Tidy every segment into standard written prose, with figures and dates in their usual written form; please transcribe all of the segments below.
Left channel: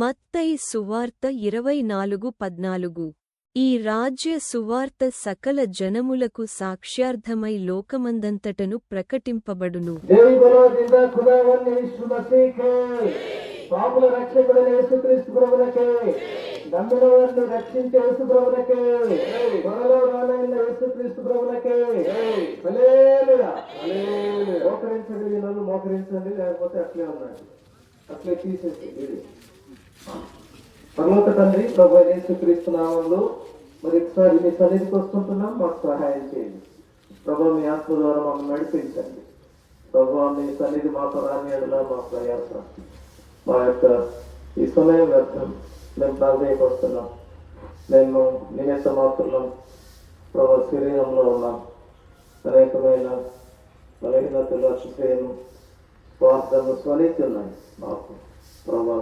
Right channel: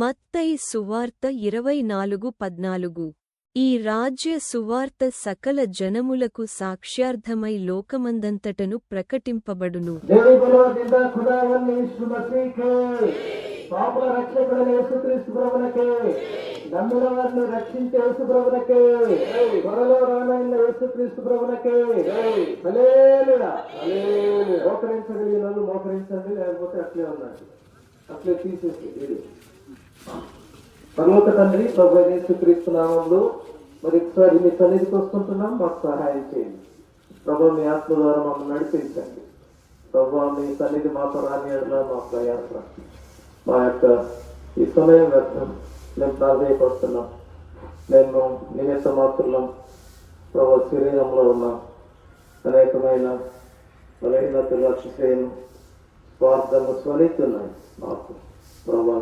మత్తయి సువార్త 24:14. ఈ రాజ్య సువార్త సకల జనములకు సాక్ష్యార్థమై లోకమందంతటను ప్రకటింపబడును. పాపుల రక్షకుడైన యేసుక్రీస్తు ప్రభువునకే, నమ్మినవారిని రక్షించే యేసు ప్రభువునకే, త్వరలో రానైన యేసుక్రీస్తు ప్రభువునకే. హల్లెలూయా. మోకరించగలిగిన వాళ్ళు మోకరించండి, లేకపోతే అట్లే ఉన్నారు, అట్లే తీసేసి. ఇది పరలోక తండ్రి ప్రభు యేసుక్రీస్తు నామములో మరి ఒకసారి మీ సన్నిధికి వస్తుంటున్నాం, మాకు సహాయం చేయండి ప్రభు. మీ ఆత్మ ద్వారా మమ్మల్ని నడిపించండి ప్రభు. మీ సన్నిధి మాతో రాని ఎడల మా ప్రయాస, మా యొక్క ఈ సమయం వ్యర్థం మేము ప్రాధాన్యపడుతున్నాం. మేము నిమిత్త మాత్రం ప్రభు శరీరంలో ఉన్నాం, అనేకమైన బలహీనతలు, అతిశయం, స్వార్థము స్వలిస్తున్నాను మాకు ప్రభు.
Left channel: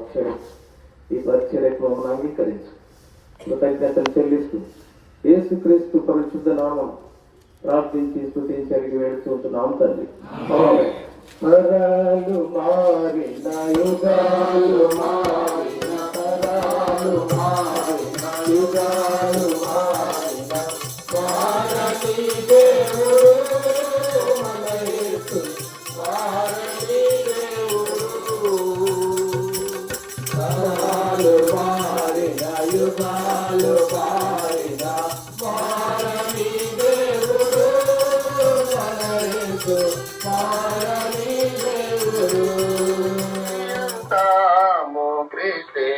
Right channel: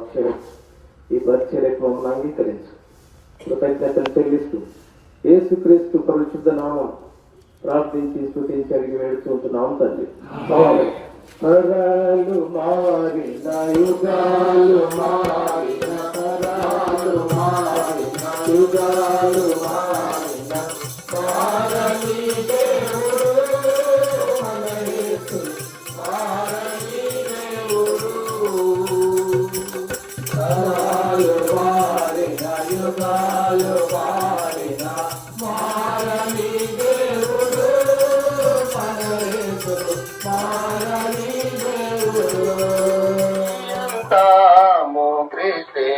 ఈ పరిచర్యకు మమ్మల్ని అంగీకరించు. కృతజ్ఞతలు చెల్లిస్తూ యేసుక్రీస్తు పరిశుద్ధ నామం ప్రార్థించి స్తుతించి అడిగి వేడుకుంటున్నాం తండ్రి. తరాలు మారిన యుగాలు మారిన, తరాలు మారిన యుగాలు మారిన, మారని దేవుడు మన యేసు, మారని దేవుడు. తరాలు మారిన యుగాలు మారిన, మారని దేవుడు మన యేసు, మారని దేవుడు. తాము క్రీస్తే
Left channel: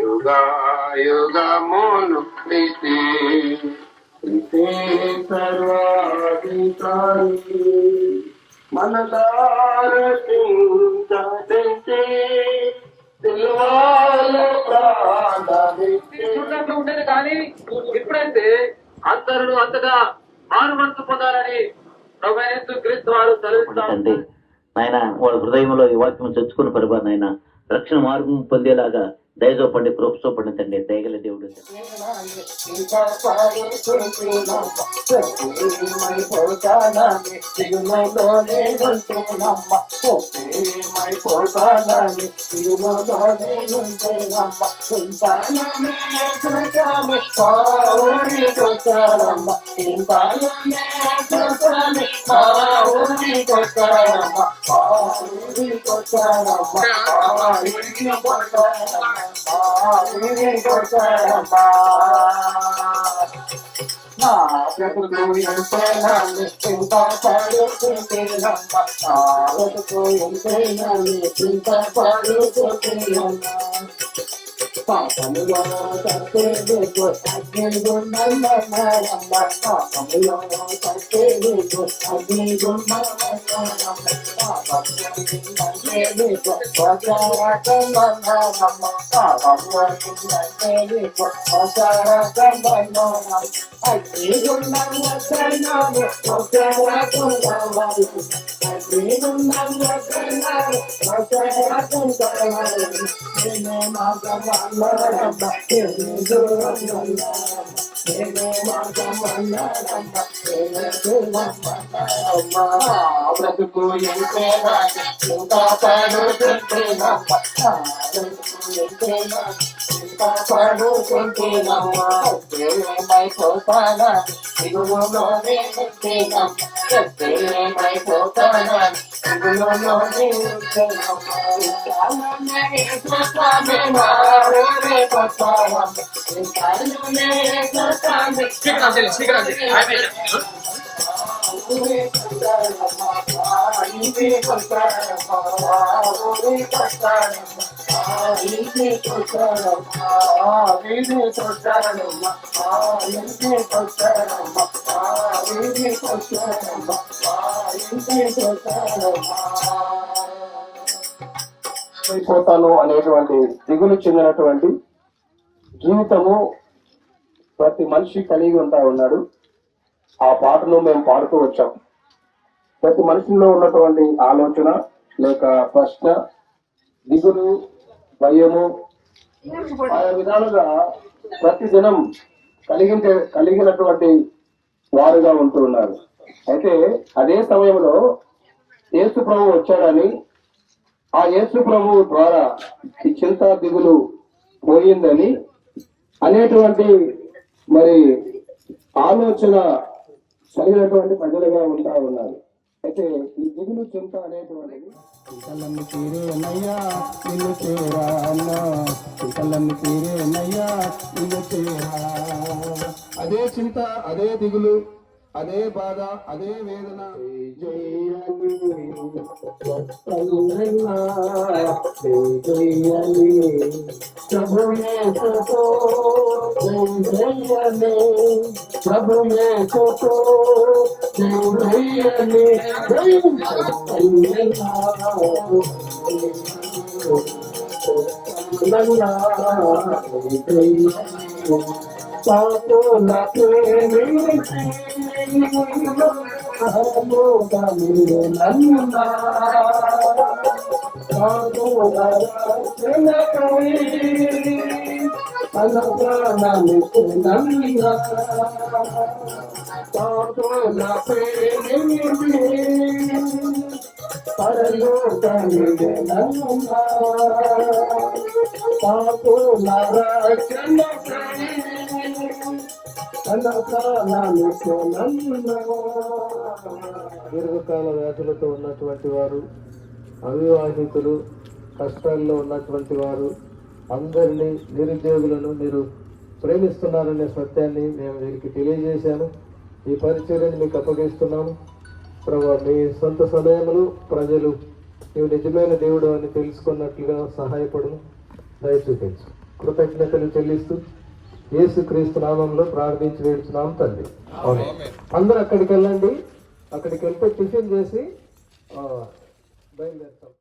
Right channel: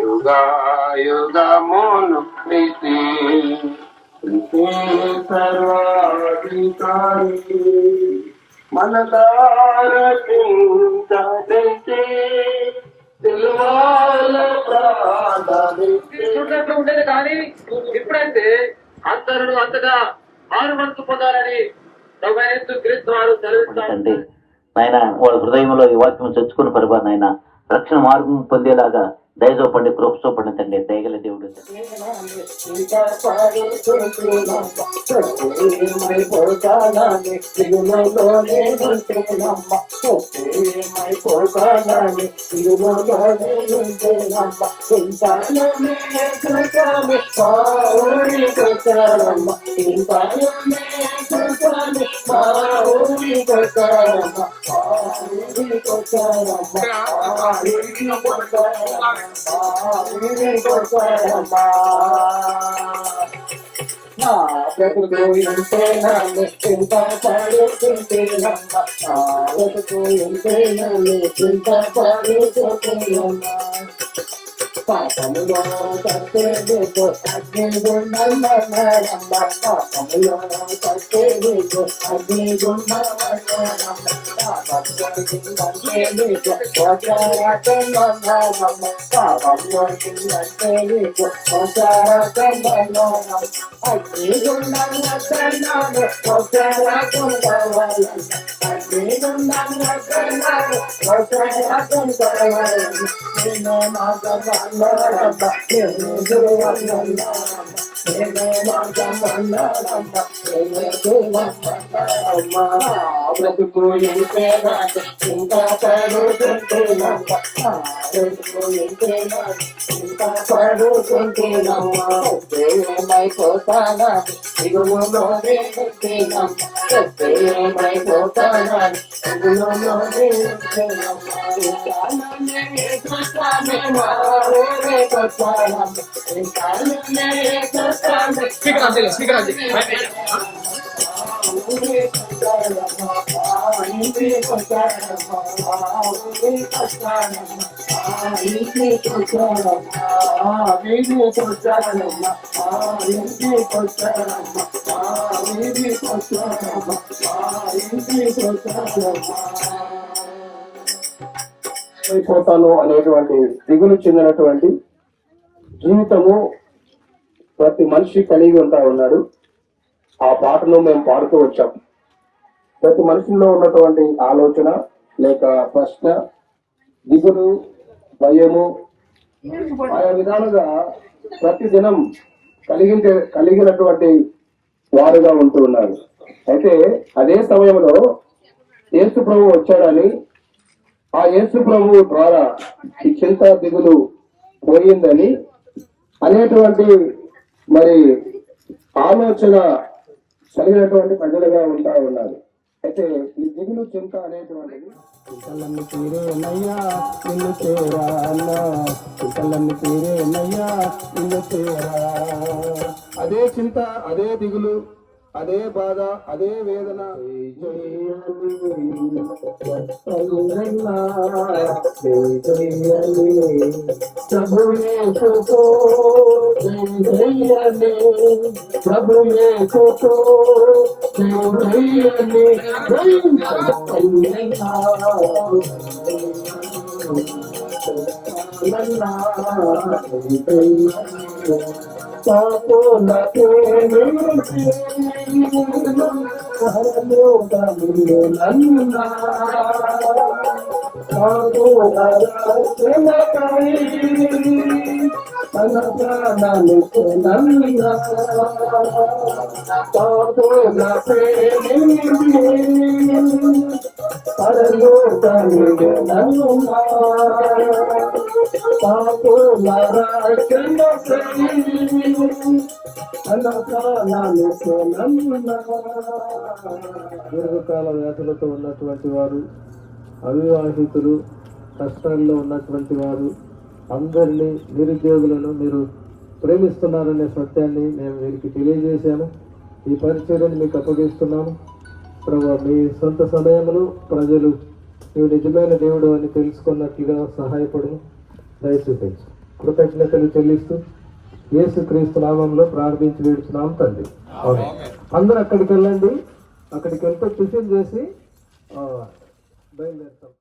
యుగా యుగమును క్రీస్తే, క్రీస్తే సర్వాధికారి, మన చింతే చుట్టూ ఉండేది కానీ ఇప్పుడైతే అందరూ అంతగా ఆరు మనసు పొందాలని క్రీస్తు వారు సెలవిస్తారు. ఆయన వాళ్ళ హృదయంలో ఈ వాక్యం చచ్చుకుని పరిపాలన ఆయన రక్షణ మార్గం పొందేలాగా దయచూపండి, కృప చూపండి తండ్రి. దయగల దేవుడు బ్రతుకు ఎంతేనాన్ని చింత పడుతుంటేనమ్మ, బ్రతుకు ఎంతేనాన్ని చింత పడుతుంటేనమ్మ. పాపములో తప్పేందుకు అగ్నిగుండమన్నారమ్మ, పాపములో తప్పేందుకు అగ్నిగుండమన్నారమ్మ, పాపముందంటేందుకు స్వచారకమన్నారమ్మ, పాపముందంటేందుకు స్వచారకమన్నారమ్మ. అగ్నిగుండమన్నాడు స్వచారకం కావాలమ్మ, అగ్నిగుండమన్నాడు స్వచారకం కావాలమ్మ. నేను బ్రతుకు ఇంకా పడుతుంటేనమ్మ, ఇంకా పడుతుంటేనమ్మైపోతానా దిగులోనే ఉంటేనమ్మ, ఏమైపోతానా దిగులోనే అయిపోతాను అనేటువంటి దిగులు చెందినటువంటి జీవితము ప్రతి మనిషి కలిగి ఉంటా ఉన్నాడు. ఆ పాటను మేము పాడుతూ వచ్చాం. ప్రతి మనిషిలో ఉన్నటువంటి ఆలోచన లేక ప్రశ్న, దిగులు, భయము, ఆ విధాలుగా ప్రతిదినం కలిగినటువంటి వారుగా ఉంటూ ఉన్నారు. అయితే అదే సమయంలో యేసు ప్రభువు వచ్చాడని ఆ యేసు ప్రభువు ద్వారా ఈ చింత దిగులు పోయిందని అనేటువంటి మరి ఆలోచన కలిగినటువంటి ప్రజలుగా ఉంటా ఉన్నారు. అయితే ఈ దిగులు చింత అనేటువంటిది చింతలన్నీ తీరేనయ్యా నిన్ను చేరా అన్నా, చింతలన్నీ తీరేనయ్యా నిన్ను చేరా. అదే చింత, అదే దిగులు, అదే బాధ, అదే వేదన. దీర్ఘకాల వ్యాధులతో ఉన్నటువంటి వారు, అవివాహితులు, కష్టాల్లో ఉన్నటువంటి వారు అందరినీ, నిరుద్యోగులను మీరు ప్రేమిస్తున్నారనే సత్యాన్ని మేము వీరికి తెలియజేశాను. ఈ పరిచర్యను మీకు అప్పగిస్తున్నాము. ప్రభు, మీ సొంత సమయంలో ప్రజలు నీవు నిజమైన దేవుడు అని తెలుసుకున్నట్లుగా సహాయపడము, దయ చూపించు. కృతజ్ఞతలు చెల్లిస్తూ యేసుక్రీస్తు నామంలో ప్రార్థించి వేడుచున్నాం తండ్రి. అందరూ అక్కడికి వెళ్ళండి. అక్కడికి వెళ్తే టిఫిన్ చేసి బయలుదేరుతాం.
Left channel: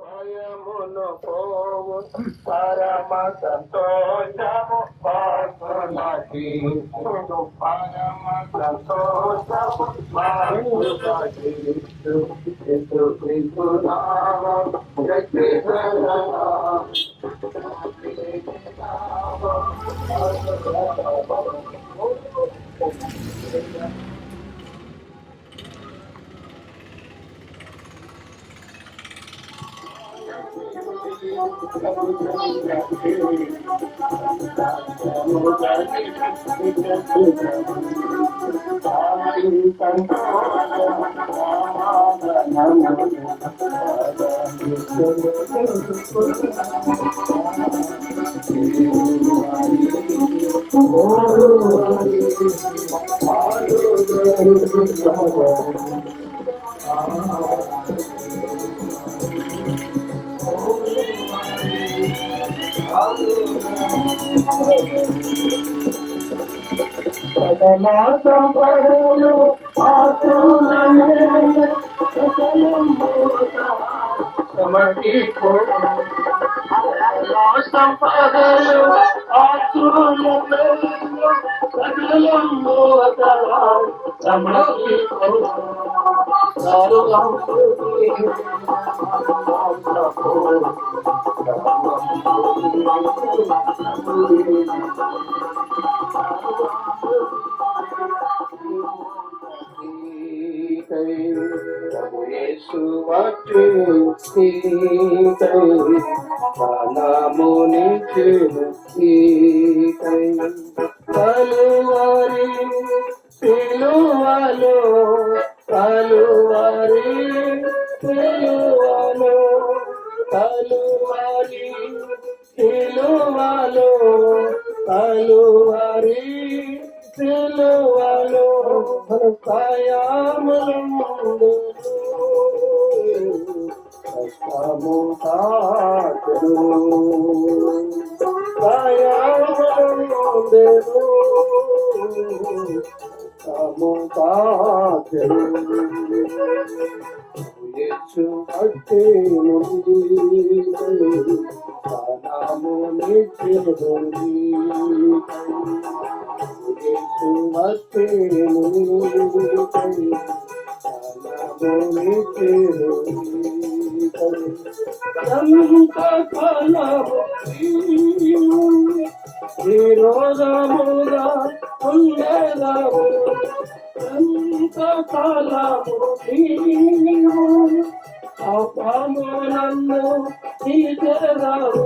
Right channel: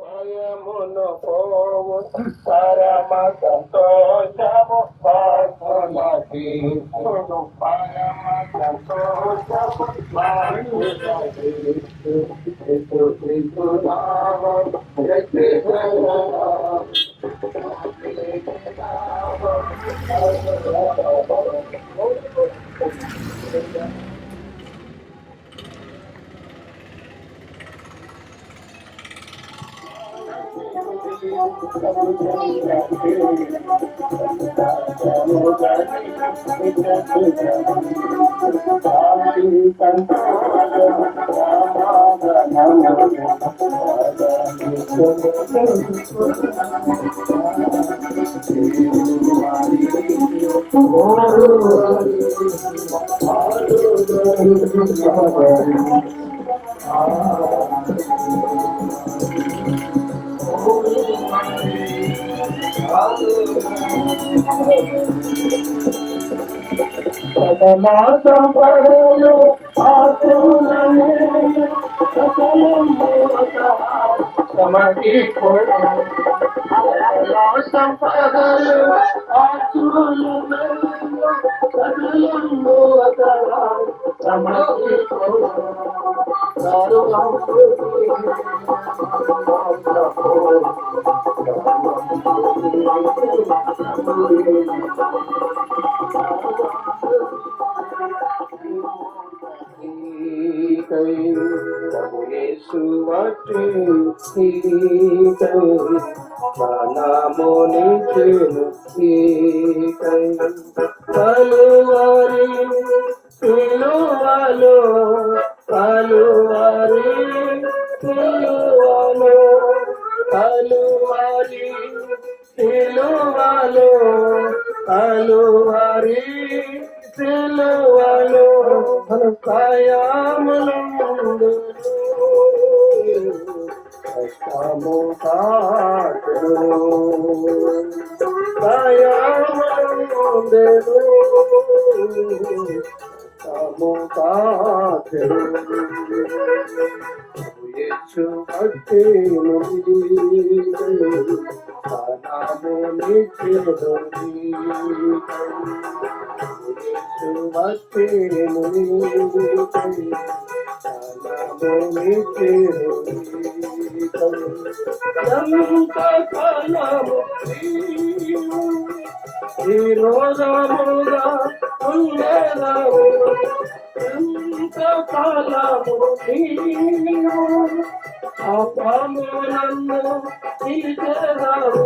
భయమును పోవు పరమ సంతోషము పార్వనాకి పరమ సంతోషము పార్వనాకి క్రీస్తు నామం సంపదలు ఎంతకాలము నీవు విరోధముగా ఉండేదావు, ఎంతకాలము నీవు పాపము నన్ను తీసేదావు,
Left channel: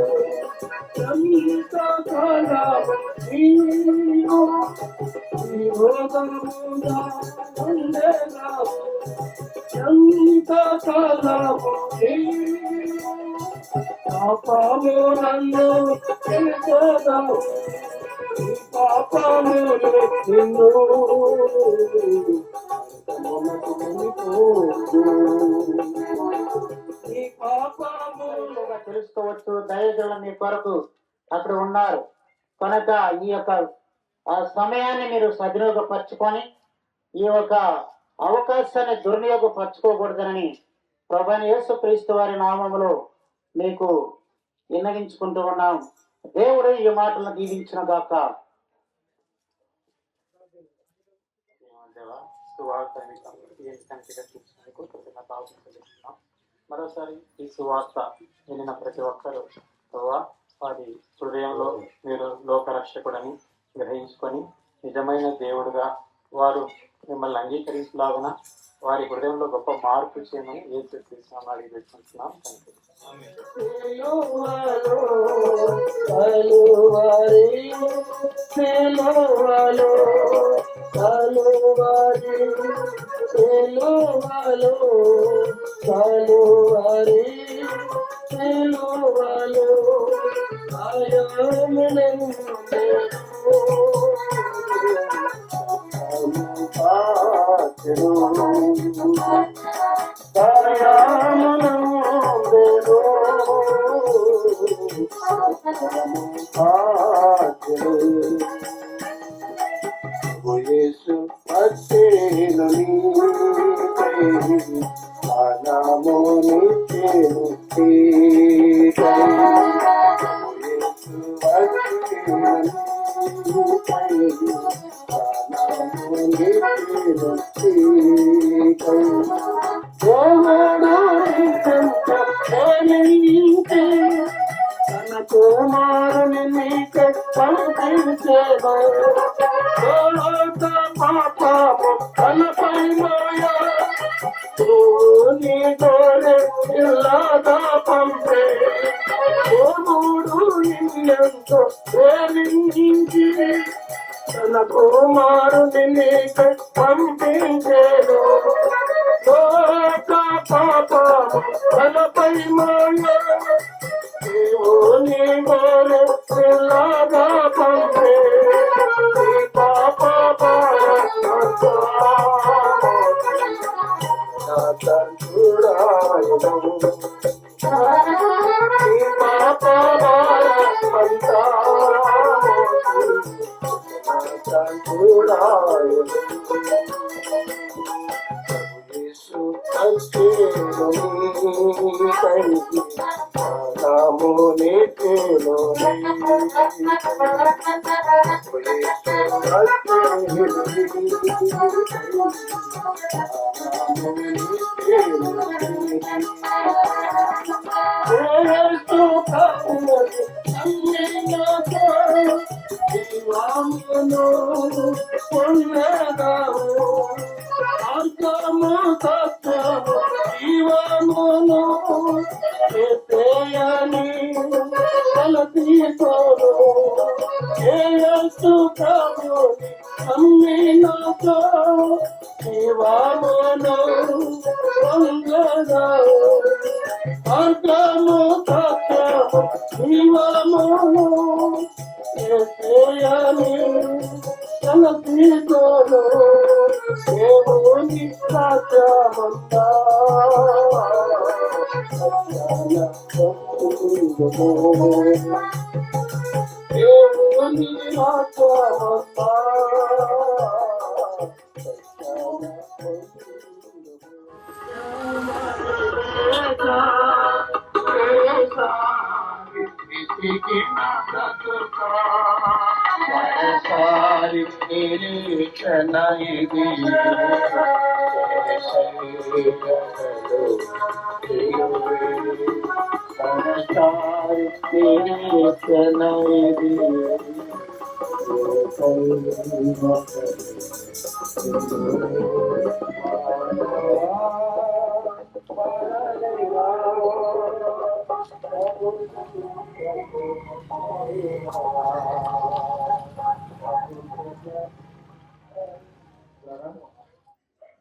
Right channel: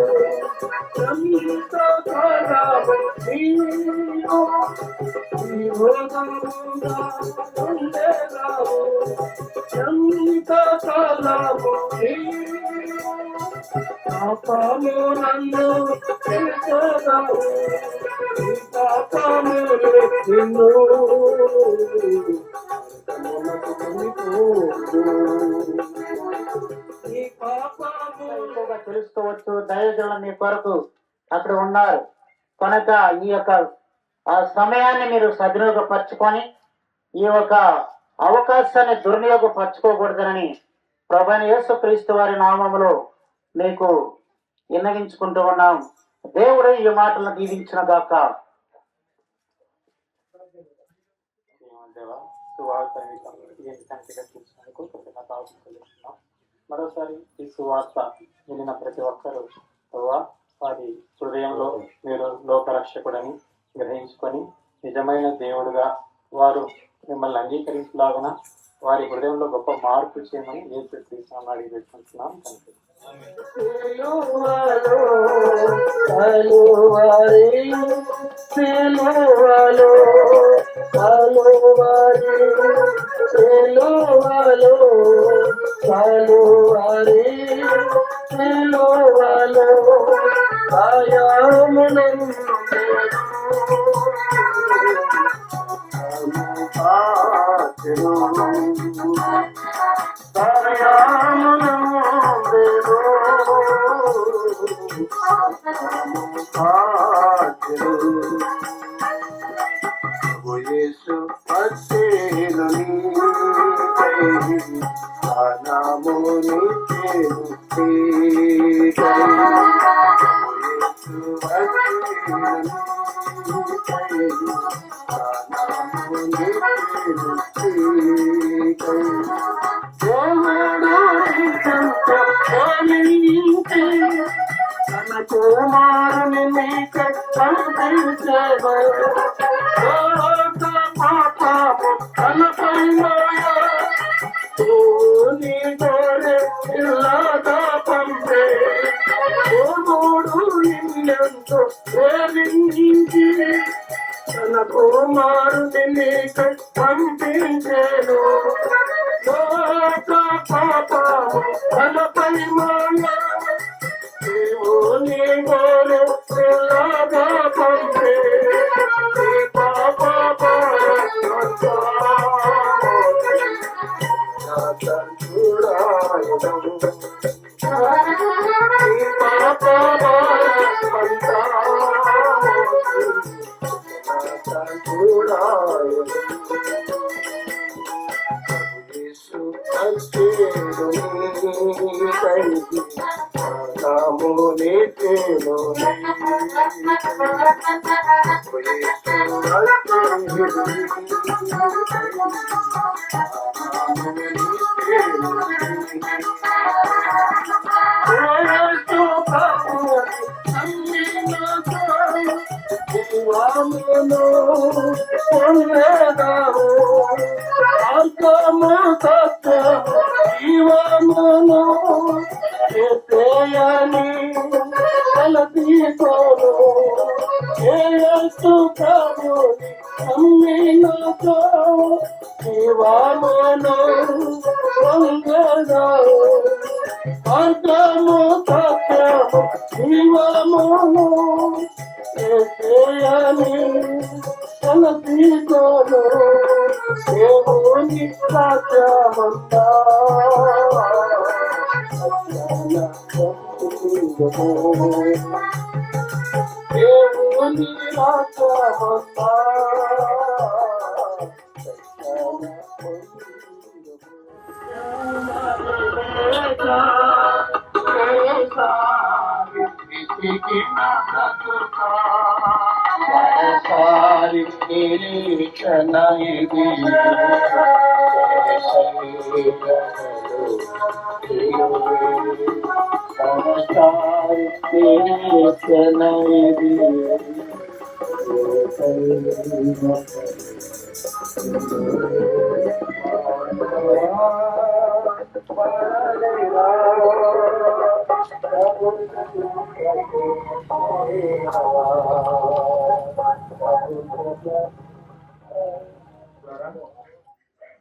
ఎంతకాలము నీవు విరోధముగా ఉండేదావు, ఎంతకాలము నీవు పాపము నన్ను తీసేదావు, పాపములు నిన్ను తెలుసుకోవచ్చు. దైవజనులు మీ కొరకు అక్కడ ఉన్నారు కనుక ఈ యొక్క ఆ సమయాన్ని మీరు సద్వినియోగపరచుకొని ఈ యొక్క అవకాశాన్ని దుర్వినియోగపరచుకోకూడదని ప్రభువైన యేసుక్రీస్తు వారి నామములో మీకు విన్నవించుకుంటూ ఉన్నాం. దేవుడు ఈ మాటలను దీవించిన గాక. మరోసారి ఈ సువార్త వెళ్ళిన ప్రతి ఒక్కరూ వారి హృదయంలో మీరు లోకరక్షకుడని గ్రహించుకొని నిజమైన దేవుడుగా వారు మిమ్మల్ని అంగీకరించలాగిన వారి హృదయంలో గొప్ప మార్పు చేయమని యేసుక్రీస్తునామములో అడిగి పెట్టుకుంటున్నాం.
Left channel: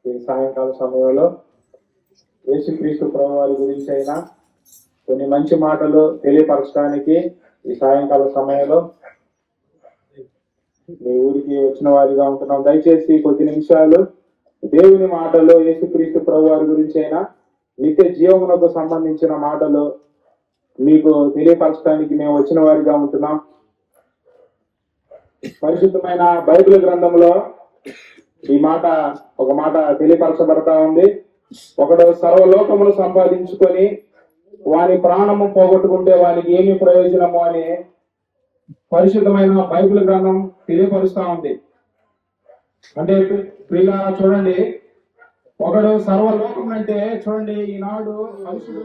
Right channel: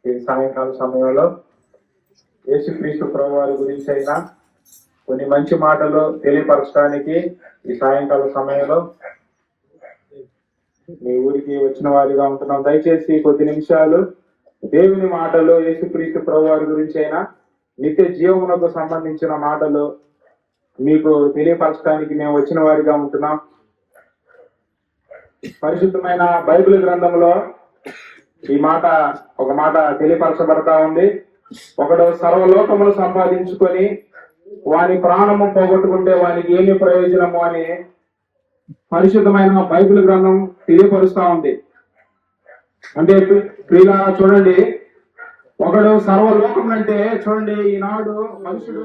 ఈ సాయంకాల సమయంలో యేసుక్రీస్తు ప్రభువారి గురించి అయినా కొన్ని మంచి మాటలు తెలియపరచడానికి ఈ సాయంకాల సమయంలో మీ ఊరికి వచ్చిన వారిగా ఉంటున్నాం. దయచేసి కొద్ది నిమిషాలు దేవుని మాటలు, యేసుక్రీస్తు ప్రభువారి గురించి అయినా నిత్య జీవమునకు సంబంధించిన మాటలు మీకు తెలియపరచడానికి మేము వచ్చిన వారిగా ఉంటున్నాం. పరిశుద్ధమైన బైబిల్ గ్రంథంలో ఈ మాట ఒక మాట తెలియపరచబడతా ఉంది. ఒకడు సర్వలోకములు సంపాదించుకొని వాని ప్రాణము పోగొట్టుకుంటే వానికి ఏమి ప్రయోజనము అని పరిశుద్ధమైన బైబిల్ గ్రంథం తెలియపరుస్తా ఉంది. అంటే ప్రియులా చూడండి, ఒకడు సర్వలోకం అంటే చూడండి, ఈనాడు మనుషుడు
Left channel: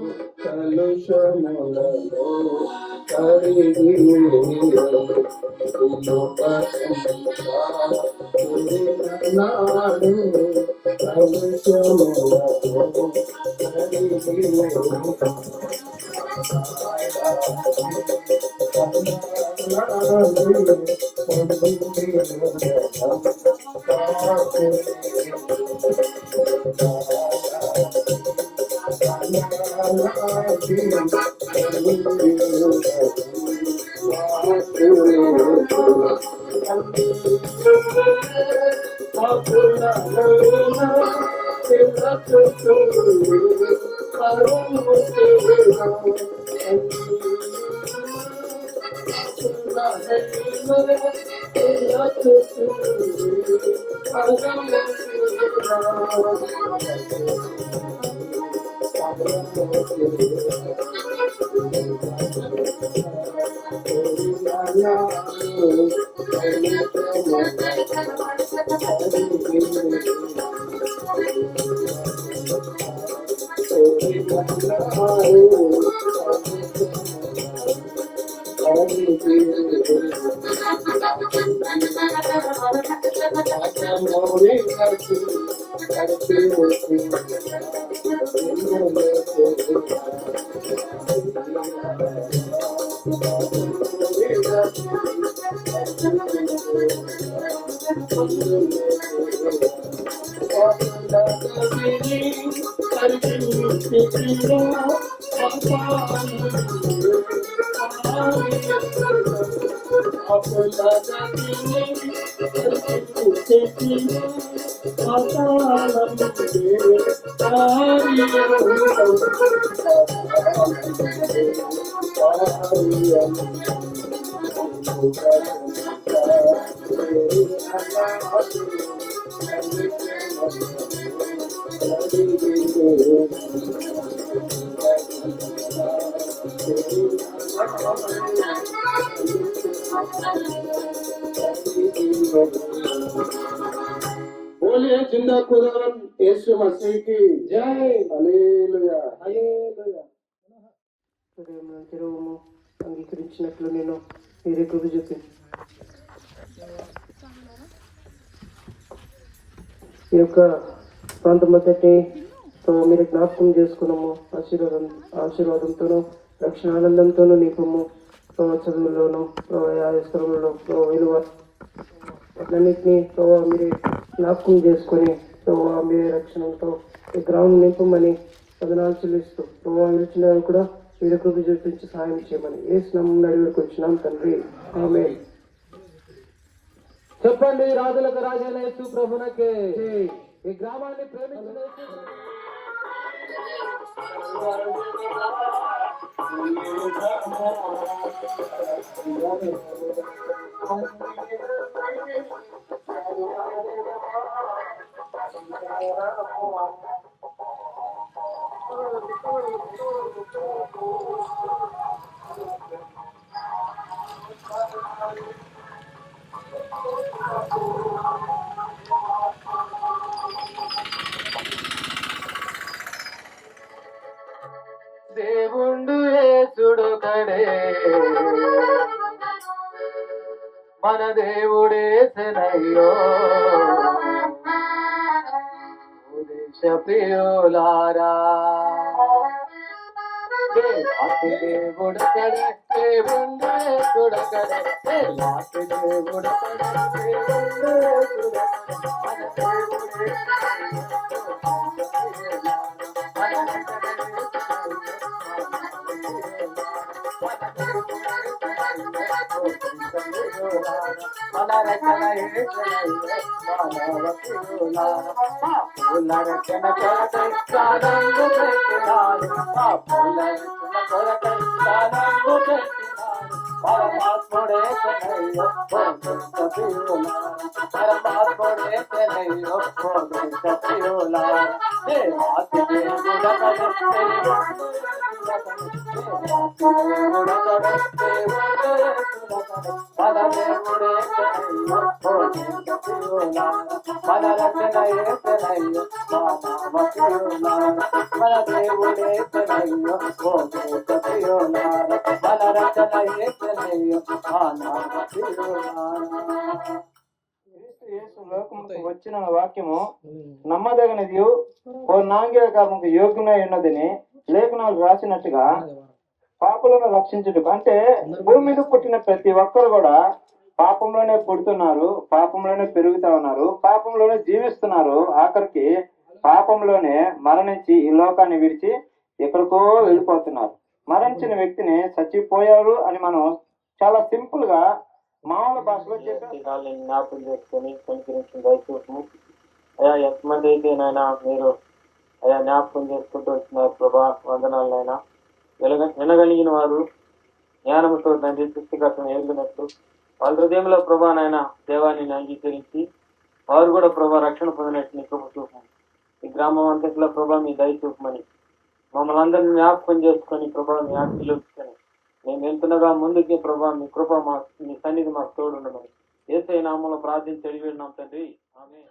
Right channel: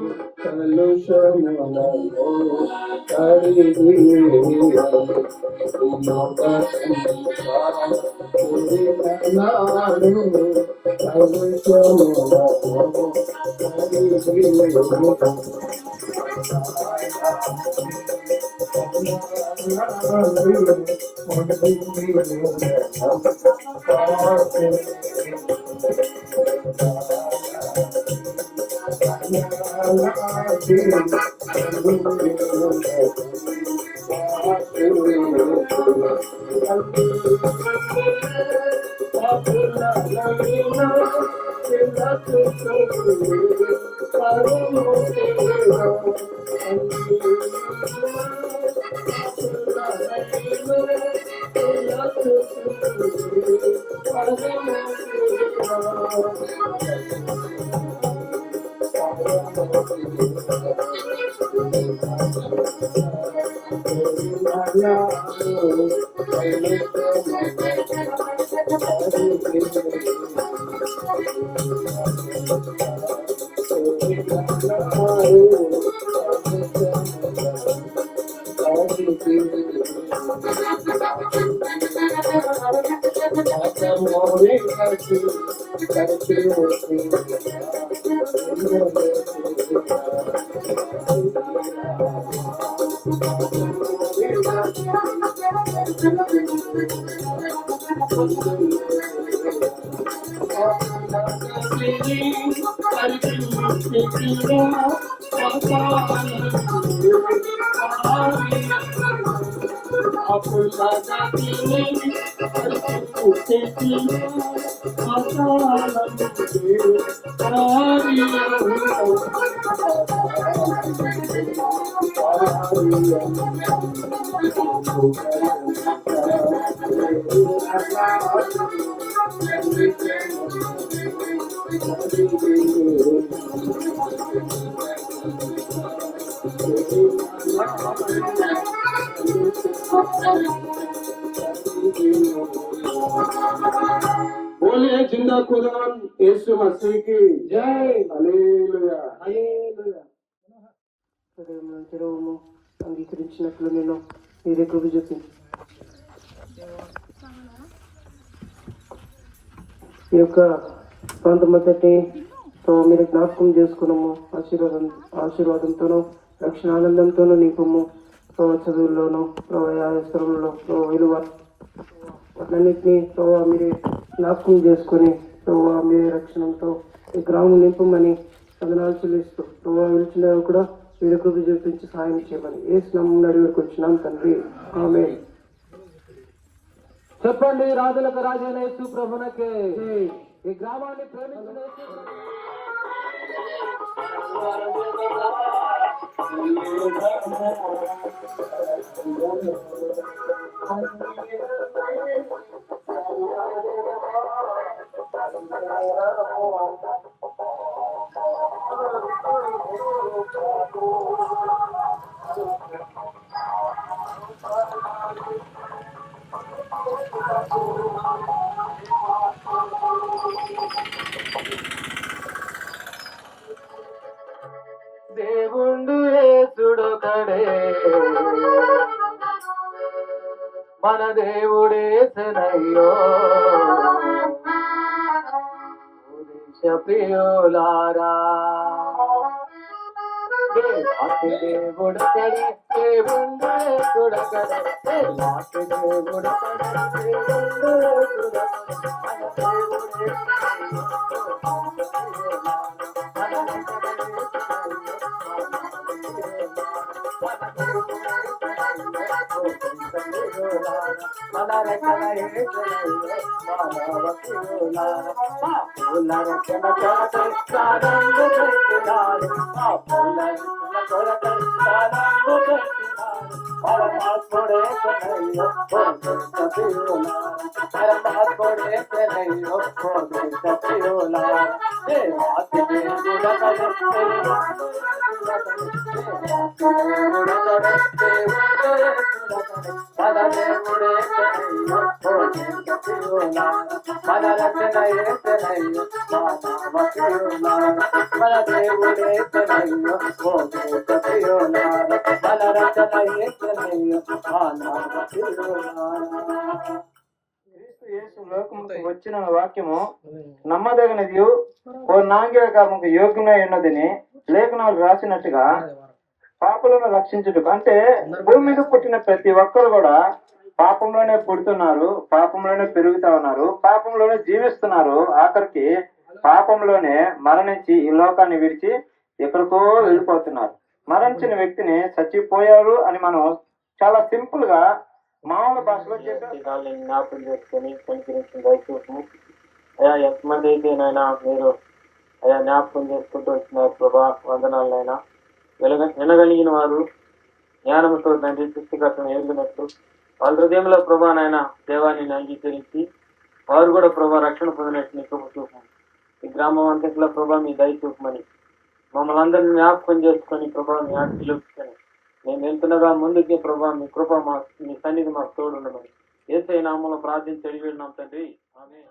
बोलिए जिंदा खुदावन यीशु मसीह की जय। హల్లెలూయా హల్లెలూయా। తెరవము అంగీకరించినట్లు నేను మీరే కృప చూపించు. ఈ యొక్క ప్రాంతమంతటి మీరు జ్ఞాపకం చేసుకున్నాము. ఆశీర్వాదంతోనూ రక్షణ ఆనందంతోనూ నీకము చదువుల్లోనూ స్థలంలో విలువ అన్నింటినీ మీరు జ్ఞాపకం చేసుకొని మీరే రక్షణతో ఈ గ్రామం నింపమని వందనాలు చెల్లిస్తూ విలిచిన కూడా మీరు కృప చూపించి సహాయం చేయమని యేసు నామమున అడిగి వచ్చినాం తండ్రి, ఆమేన్. చెప్పండి, రాజులకు రాజైన యేసు ప్రభునకే. ఈ గ్రామాన్ని ప్రేమించిన మన దేవుడేసనయ్యో దేశ ప్రియులారా దేవాతి దేవుడకడే దేవుడే చూడకడే దేవాతి దేవుడకడే దేవుడే చూడకడే మన దేవుడే వచ్చిన వాక్యము నమ్మదగినది నాంగీకారముకు యోగ్యమై ఉన్నదని లేఖనాలు రాసినట్టుగా పాపలను రక్షించుటకు. అంటే భూమి మీద పుట్టిన ప్రతి ఒక్కరు కూడా పాపంలోనే పుడుతున్నారు, పాపంలోనే పెరుగుతా ఉన్నారు, పాపంలోనే జీవిస్తున్నారు. ఆఖరికి పాపంలోనే మరణించి ఈ లోకాన్ని విడిచి ఎక్కడికో వెళ్ళిపోతున్నారు. మరణించిన వ్యక్తిని చచ్చిపోయారు అని మనం చాలా సింపుల్ గా మామూలు భాషలో చెప్పి జ్ఞాపకం చేసుకొని కనికరించిన దయచేసము. అయ్యా ఎంతమంది అయితే నైనా మీరు అయ్యా జ్ఞాపకం చేసుకుంటూ వచ్చినారు ప్రభా, వందనాలనైనా. వినగలిగిన వారు జ్ఞానంతో తండ్రి సృష్టికర్తను ఎరిగినట్టు వాళ్ళ హృదయంలో ప్రభా నాయన దేవాన్ని అంగీకరించి వారు కూడా ప్రభా రక్షణ పొందినట్టు నీ కృప చూపమని, ఈ గ్రామం అంతట్లో ప్రభా మీ దయ చూపమని మమ్మల్ని అందరినీ జ్ఞాపకం చేసుకొని ప్రభా మీ ఆశీర్వదించుకొని మేము వెళ్తుండగా ముందుకి ప్రభా మీ కృప మీ సన్నిధి మాకు తోడు ఉండమని యేసయ్య నామములో ప్రార్థించి అడిగినాం తండ్రి, ఆమేన్.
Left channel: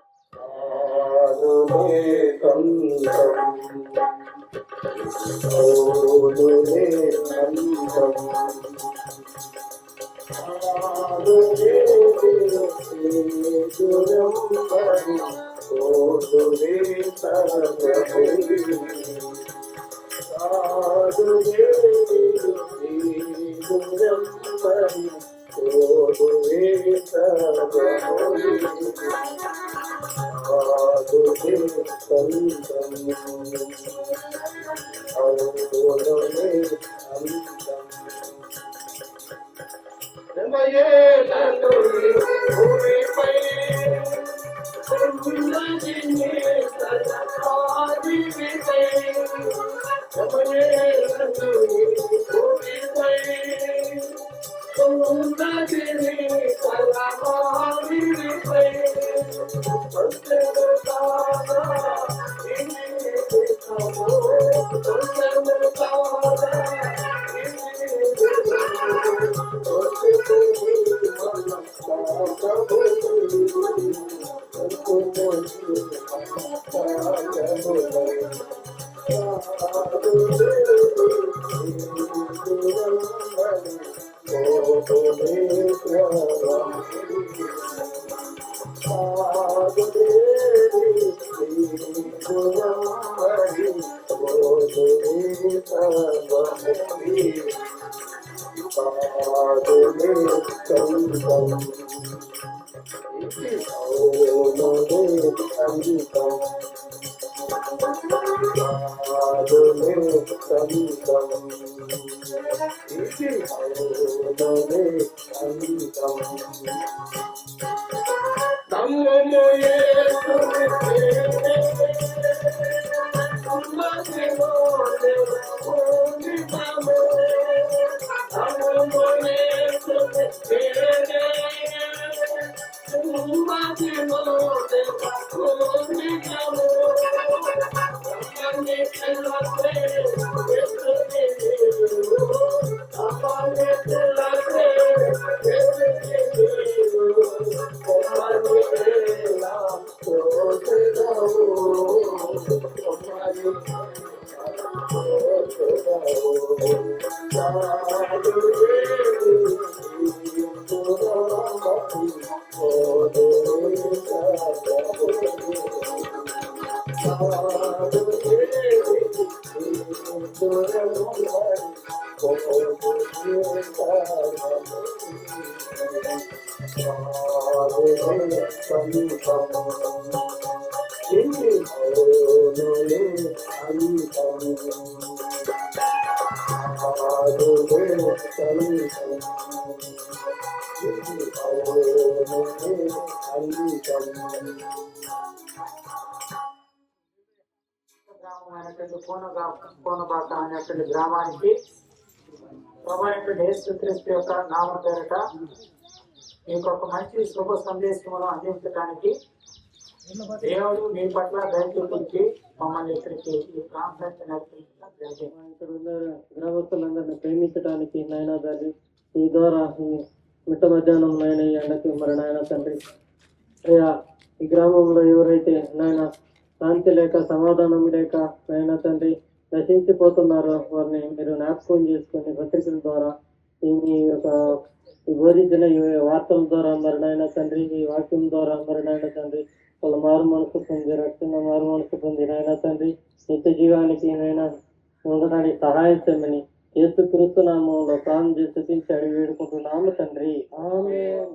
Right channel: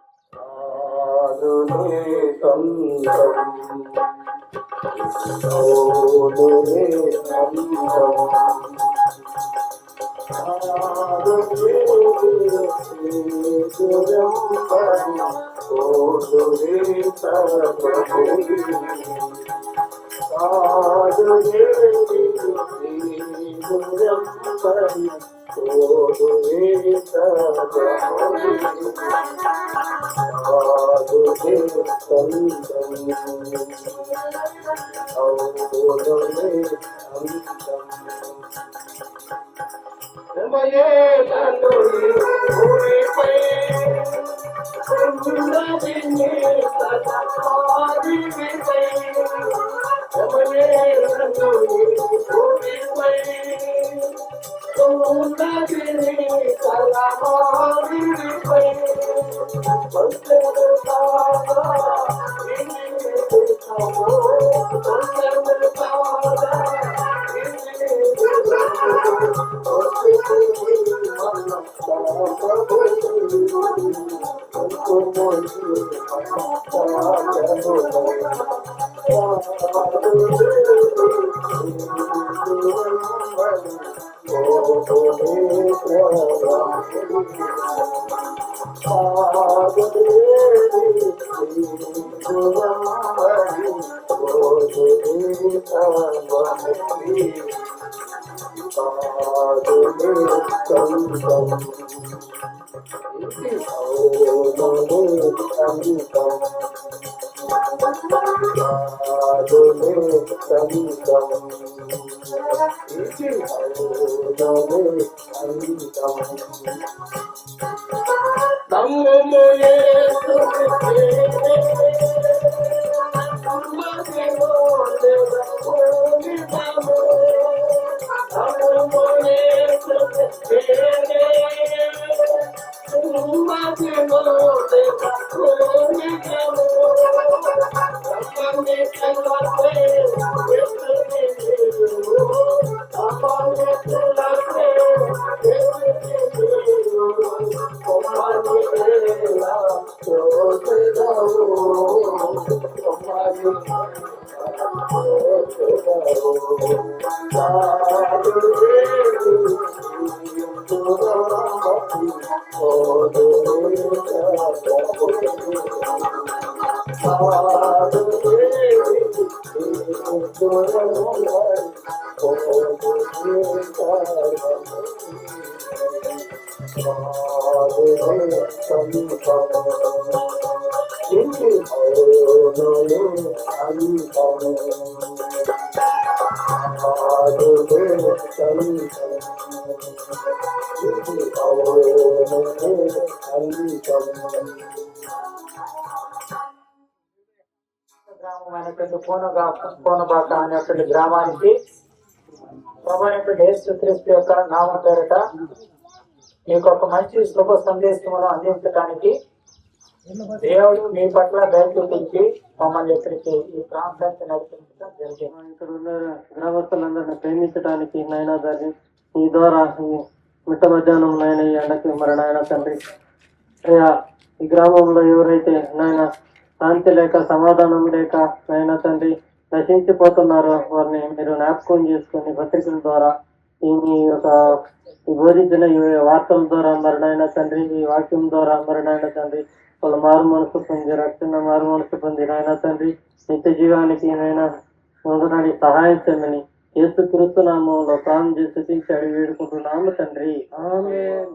Oh గ్రామమైనటువంటి కోనబాక అనేటువంటి గ్రామానికి ప్రభువైనటువంటి యేసుక్రీస్తు యొక్క నామం పేరట మీకు ఒక మంచి శుభ సందేశమును అందించడానికి దేవుడు మీ పట్ల దయ చూపించి మమ్మల్ని ఇక్కడికి ఈ ప్రాంతానికి నడిపించడం జరిగింది. ఇక్కడ ఉన్న గ్రామస్తులందరినీ ప్రేమించడానికి నాయన దాన్ని ఈ ద్వారా ఈ మిట్ట మధ్యాహ్నం నాయన ఈ ఎండకి మరి నాయన తండ్రి అయ్యా ఈ గ్రామంలో ఎవరైతే నాయన శాంతి లేక సమాధానం లేక నాయన తండ్రి నశించిపోతున్నారో వారిని మీరు జ్ఞాపకం చేసుకుని పత్రికల ద్వారా ఈ యొక్క ఈ బోధించిన ఈ వార్తల ద్వారా మరి నాయన తండ్రి ఈ వాక్యం ద్వారా మరి నాయన తండ్రి వాళ్ళ మారు మనసు పొంది రక్షణ మారు మనసు పొంది నాయన తండ్రి నిత్య జీవానికి నాయన ఉండడానికి సహాయం చేయమని యేసుక్రీస్తు నామంలో ప్రాణం చేసి అడిగి వేడుకుంటున్నాము తండ్రి ఆమేన్.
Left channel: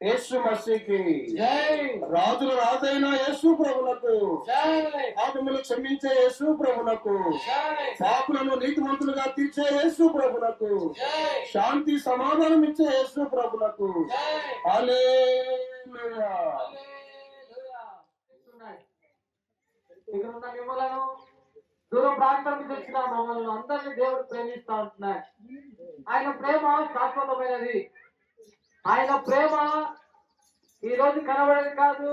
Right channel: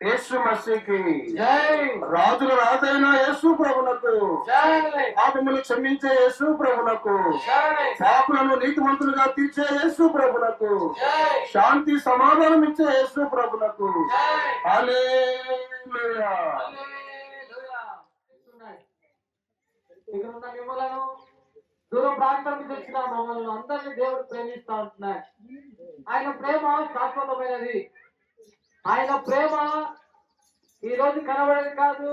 యేసు మసీకి రాజుల రాజైన యేసు ప్రభునకు పాపములు క్షమించే యేసు ప్రభునకు పాపులను నీతిమంతులుగా తీర్చే యేసు ప్రభునకు శాంతి సమాధానం ఇచ్చే యేసు ప్రభునకు హల్లెలూయా. ఇక్కడ ఉన్న మిమ్మలను దూర ప్రాంతం నుంచి వచ్చిన మమ్మల్ని అందరినీ దేవుడు ప్రేమిస్తా ఉంటున్నాడు. ఆయన ప్రేమ శాశ్వతమైనది. ఆయన ప్రేమ ఈ రోజు కనబడేది కాదు,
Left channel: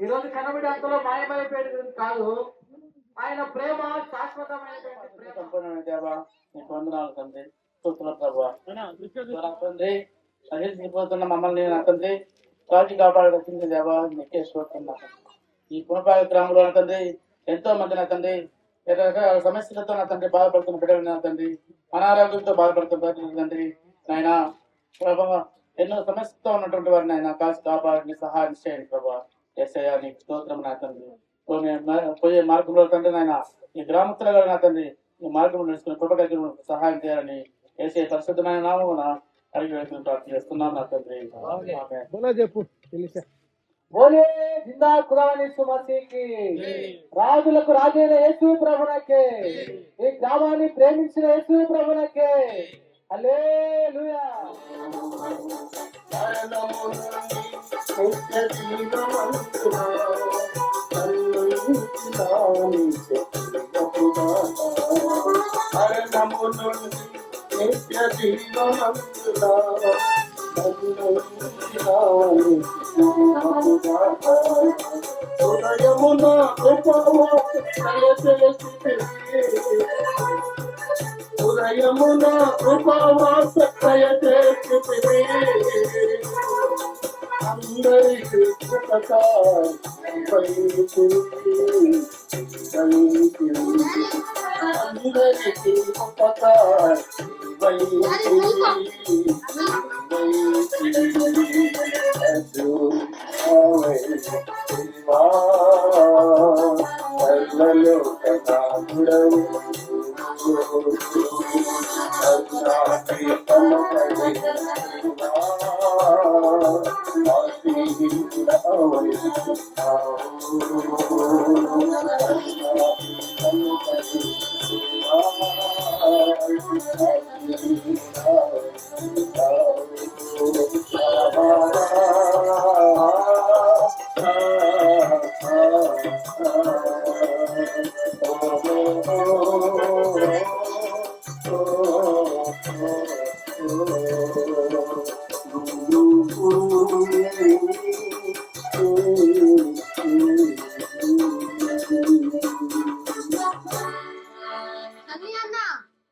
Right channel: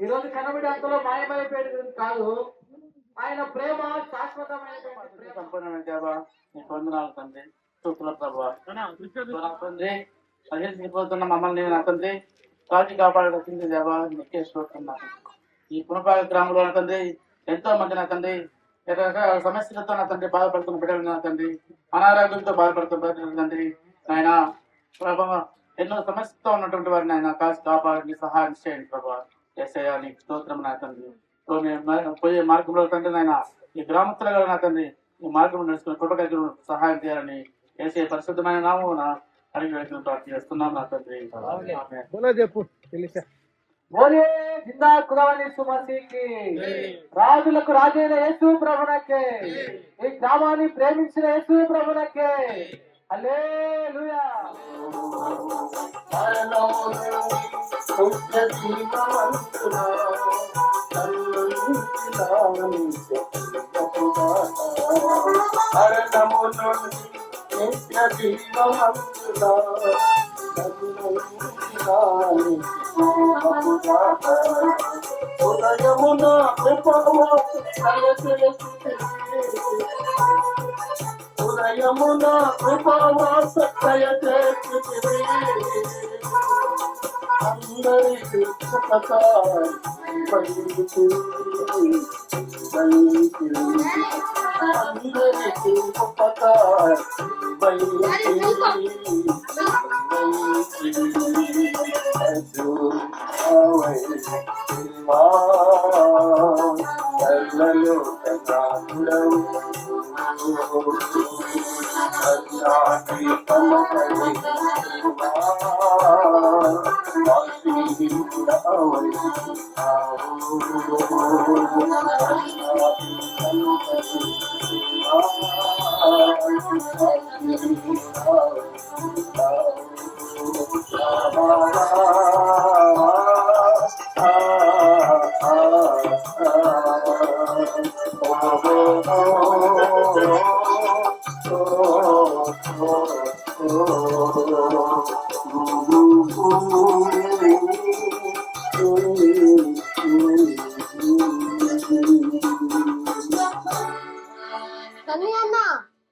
ఈ రోజు కనబడే అంతలో మాయమైపోయేది కాదు. ఆయన ప్రేమ శాశ్వతమైనటువంటి ప్రేమ. నీకు వందనాలు తండ్రి. స్తోత్రాలు ప్రభువా. తండ్రి అజేసిపోతున్న మమ్మల్ని నా తండ్రి కాచి కాపాడుతుంది దేవా, నీకే స్తోత్రం. ఈ పునపాయ గ్రామంలో నా తండ్రి ఎంతో మంది నా తండ్రి సమస్యలతో నా తండ్రి బాధపడుతున్న బిడ్డలు నా తండ్రి, అనారోగ్యంతో బాధపడుతున్న తండ్రి నాయన ప్రభావ, ఎన్నో సమస్యతో ఉన్నటువంటి వారిని ఆయన కాచి కాపాడిని సహాయం చేయండి ప్రభావ. యేసయ్యా నీకు స్తోత్రం నా తండ్రి. పోయే మార్గంలో తండ్రి నాయన ఈ గ్రామస్తులుగా నా తండ్రి ఈ మార్గంలో నడుచుకుని కృప కలిగి సహాయం చేయాలని యేసయ్య పరిశుద్ధమైన నామమున అడిగి వ్యక్తులు ప్రార్థన చేస్తున్నాం నా తండ్రి. చెప్పు తెలిసా బోలే జిందా ఖుదాని సుమసీకి, రాజులకు రాజైన యేసు ప్రభువునకే, ఈ గ్రామాన్ని ప్రేమించిన యేసు ప్రభువునకే. హల్లెలూయా. ఉదయమున కృపావాస దయచేసితివి, అందరికీ అందరికీ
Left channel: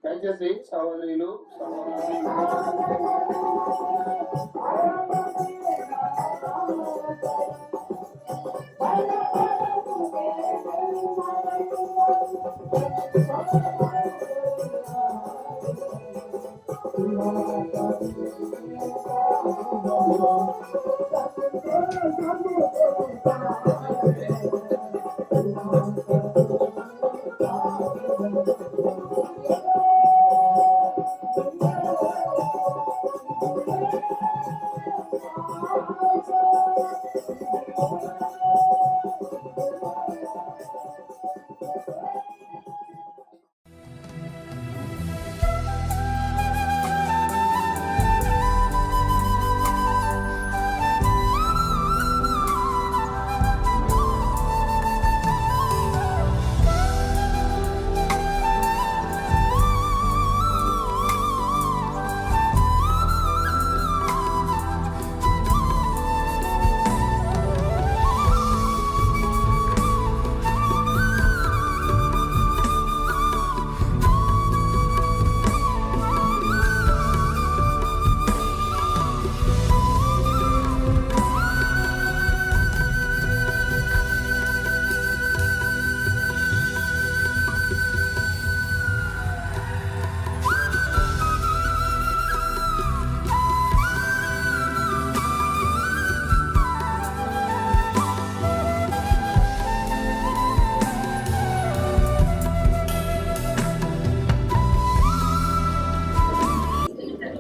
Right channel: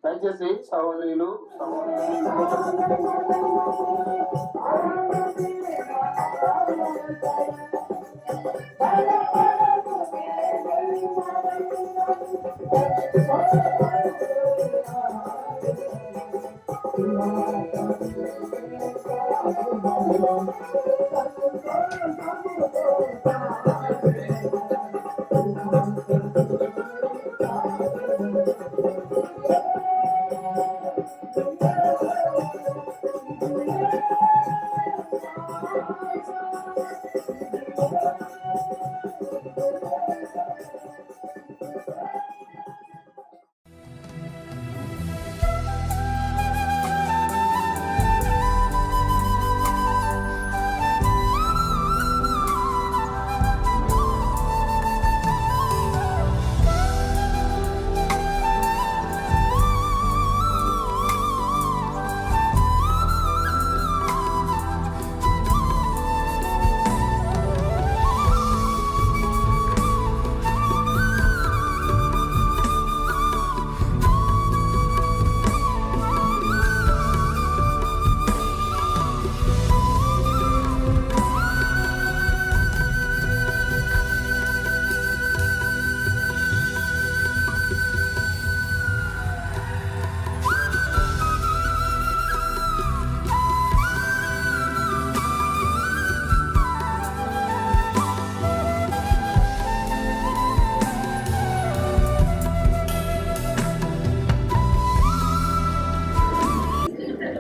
దయచేసి సహోదరులు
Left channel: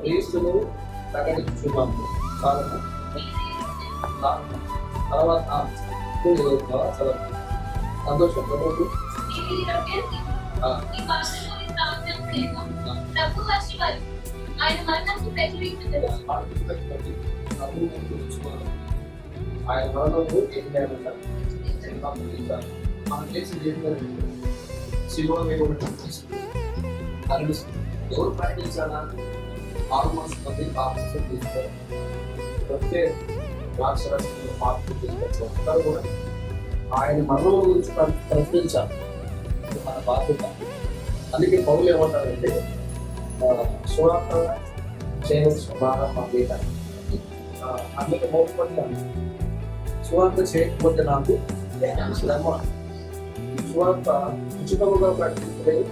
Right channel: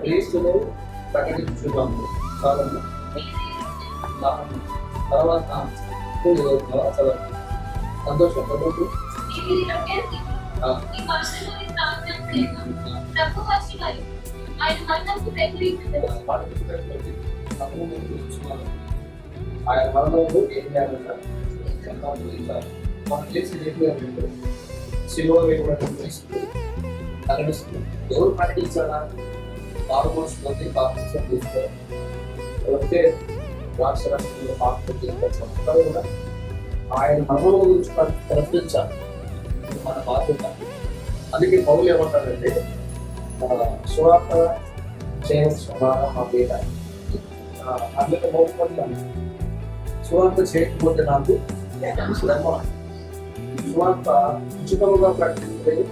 క్రీస్తులో ప్రకటించుదాం. తర్వాత సంతోషం ఆయన మరణంలో ఏం చేయాలంట మనం చేసి శిలువని కూడా కనిపిస్తుంది. ఎవరు ప్రకటించాలా? పాల్గొంటుంది పాపం తీస్తారు. వస్తే రాష్ట్రానికి పాపం తీసుకొచ్చారు కూడా ఆయన మరణం గురించి ప్రకటించాలి, మన బాధ్యత. అందుకే పౌలు ఏమంటారంటే సువార్త చేయవలసిన భారం మా మీద. అందుకే మోపడ్డాను. సువార్త చేయకపోతే నాకు శ్రమ. సువార్త ఉచితంగా ప్రకటించలేదు.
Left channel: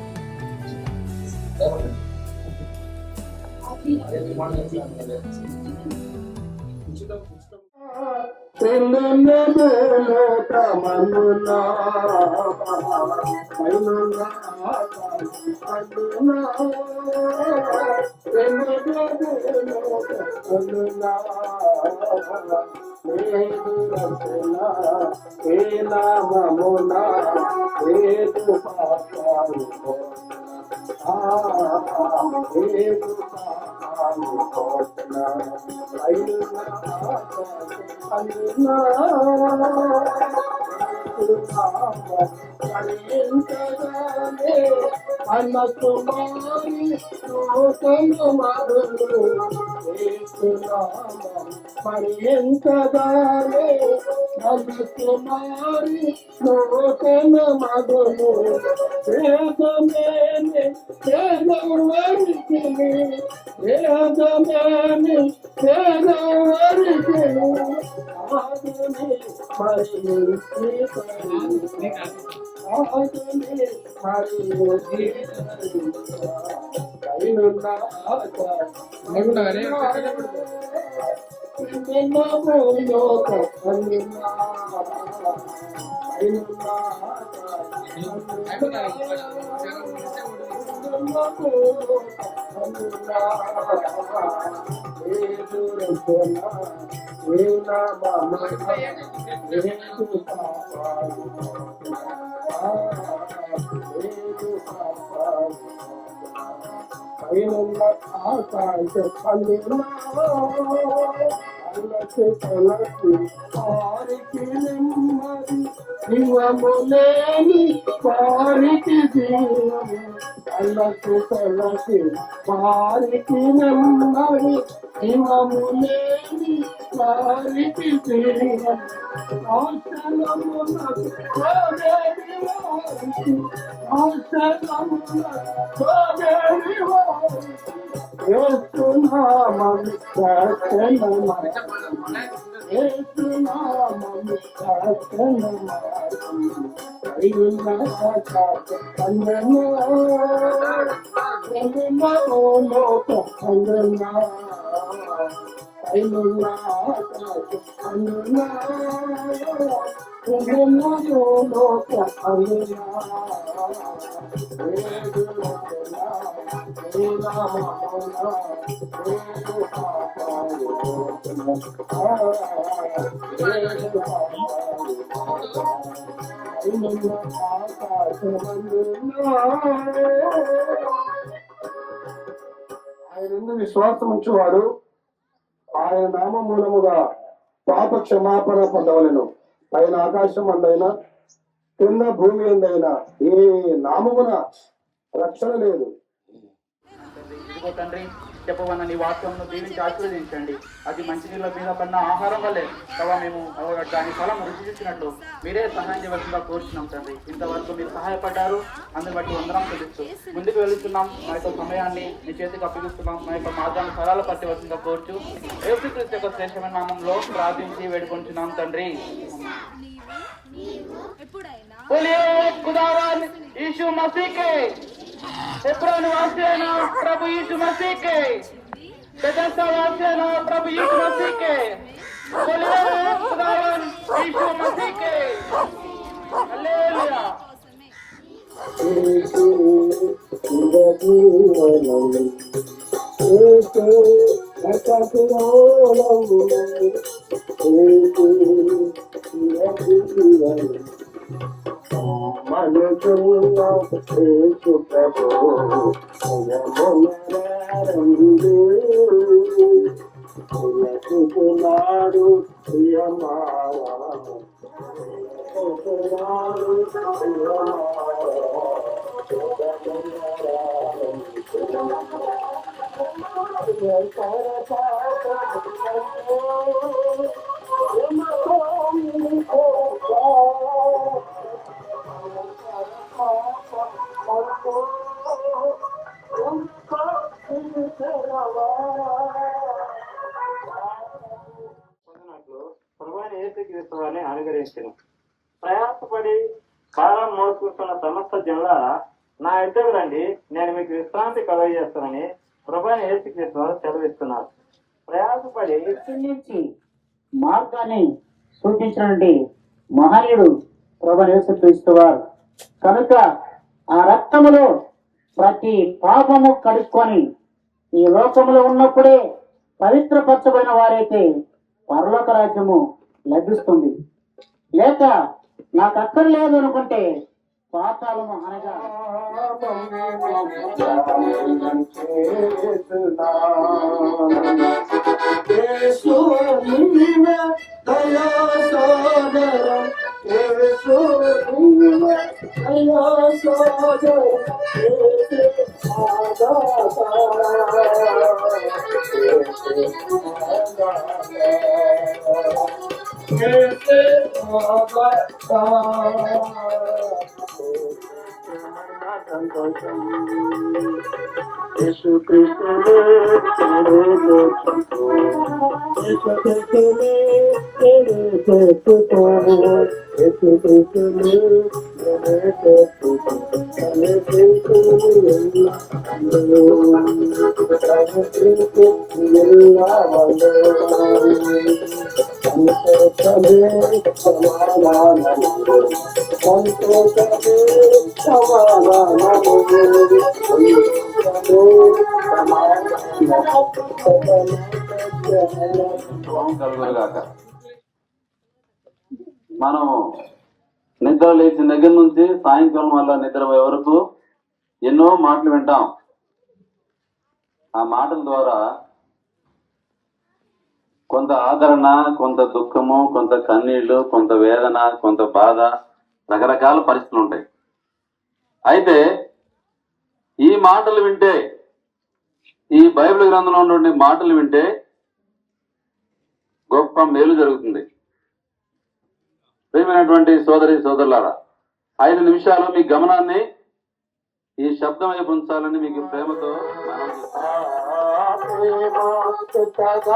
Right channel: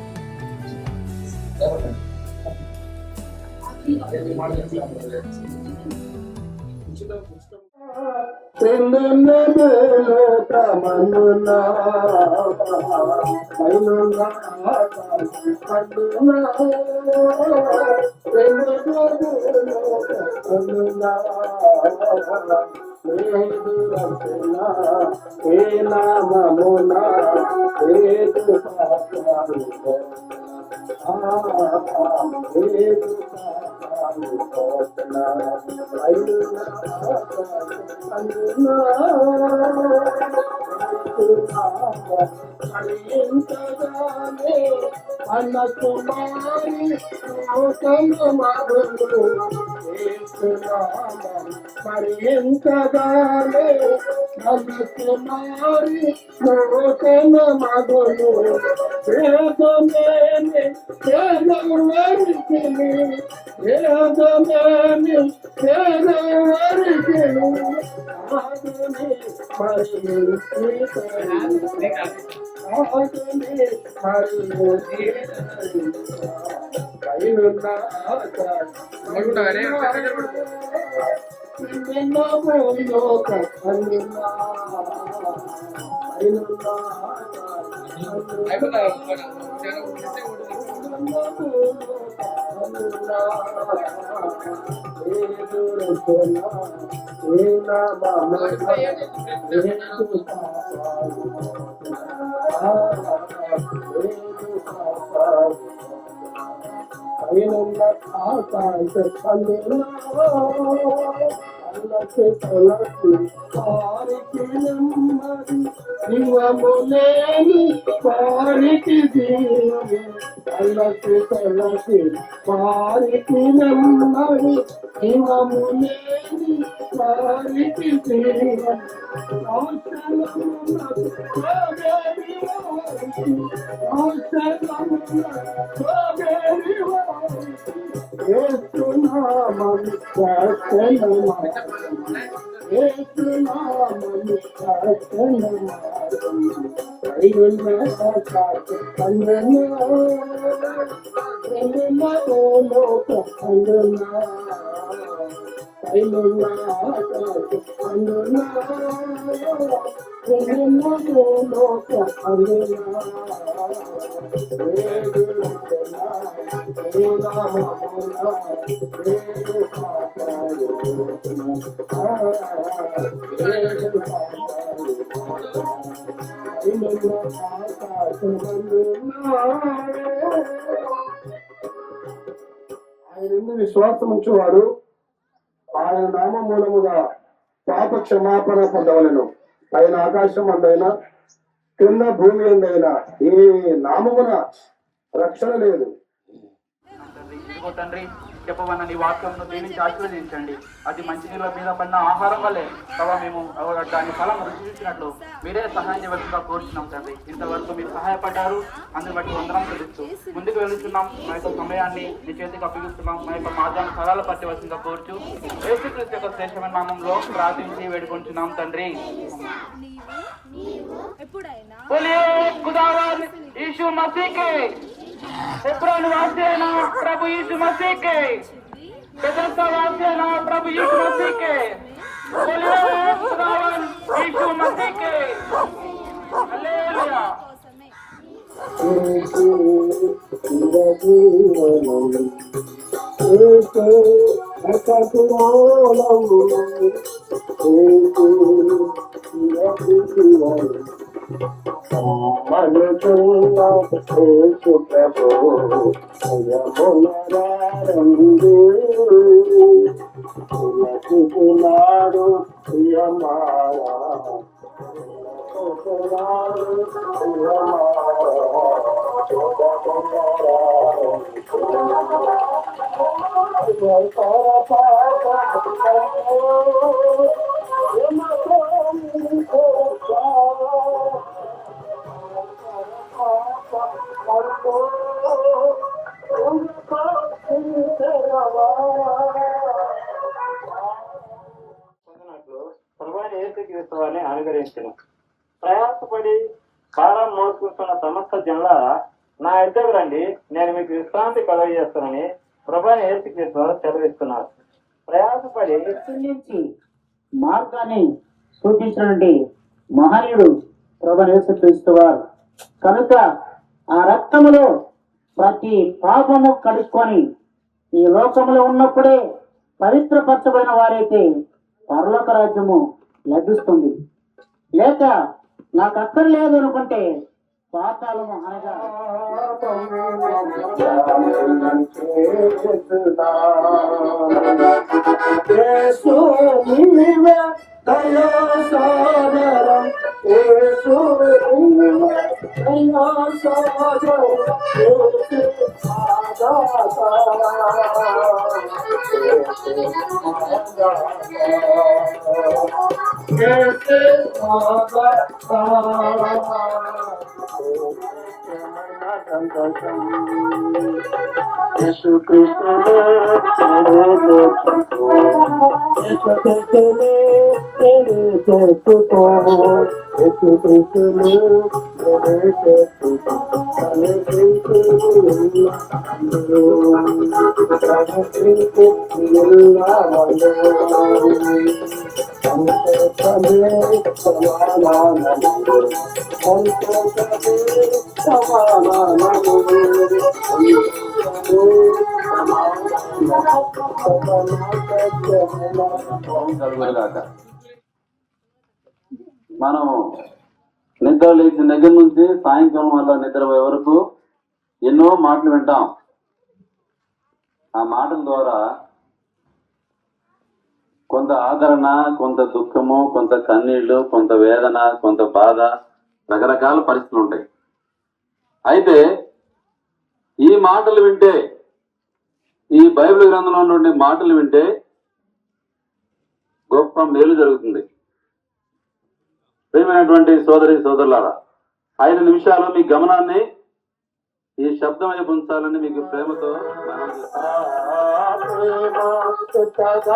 ఆయన విశ్వాసం ఉంచేవాడు ఆయన నామ మూలముగా పాప క్షమాపణ పొందవలను. పైన ఆకాశం అందైనా కింద భూమి అందైనా ఏ నామమున రక్షణ లేదు. తండ్రి చెప్పవన్న నీ వాక్యంలో దీనికి ఆశీర్వదించండి. అది మంచి తిన్న ఆహారం వల్లే ప్రభావ మేము దాని ఫలం రుచిచ్చినట్లు మీరే సహాయం చేయవలసిందిగా కోరుతున్నాం తండ్రి. ఇంతవరకు మీరు సహాయపడ్డారు, అందుని బట్టి ముందుకు వెళుతున్నాం. మా యొక్క సమయాన్ని మీ చేతికి అప్పగిస్తున్నాం. మా యొక్క మార్గాల ఫలాలు పట్టవలసిందిగా కోరుచు యేసుక్రీస్తు యొక్క శ్రేష్టమైన నామములో ప్రార్థించి వేడుకొంటున్నాం తండ్రి. यीशु मसीह के प्रभु यीशु मसीह के प्रभु यीशु मसीह के यीशु मसीह के యేసుక్రీస్తు వారిని అనుగ్రహించను. ప్రయాసపడి భారం మోసుకుంటున్న సమస్త జనులారా నా ఇద్దరు రండి, నేను మీకు విశ్రాంతి కలుగజేస్తానని ప్రభువైన యేసుక్రీస్తు వారు సెలవిస్తున్నారు. ప్రయాసపడి నుంచి మార్గాన్ని సూచించినటువంటి మహనీయుడు ప్రభువైన యేసుక్రీస్తు వారు కనుక ఆ రక్తములో ప్రతి పాపము కడుక్కొని ఈ లోకములో ఉన్నప్పుడే పవిత్రపరచబడిన వారైతే పరలోక రాజ్యము లభిస్తుంది. లేక నాకు అక్కర్లేదు అనుకుంటే పాతాళము అనగా మనము నిద్ర లేచిన దగ్గర నుంచి సాయంకాలం వల్ల నిద్రపోయే వరకు ఎన్నో మాటలు వింటాం. ఆ మాటల ద్వారా కొంత ఆదరణ, కొంత దుఃఖము, కొంత కన్నీళ్లు, కొంత వేదన, కొంత బాధ, రకరకాల పరిస్థితులు ఉంటాయి. అయితే ఈ మాటలు వింటే, ఈ బైబిల్ గ్రంథంలో ఉన్నటువంటి మాటలు వింటే గొప్ప మేలు జరుగుతుంది. ప్రియమైనటువంటి సోదరి సోదరులారా, 5 నిమిషాలు మీ గమనాన్ని ఈ శబ్దం వైపు ఉంచాలని మీకు ప్రేమతో మనం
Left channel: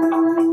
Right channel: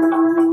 Thank you.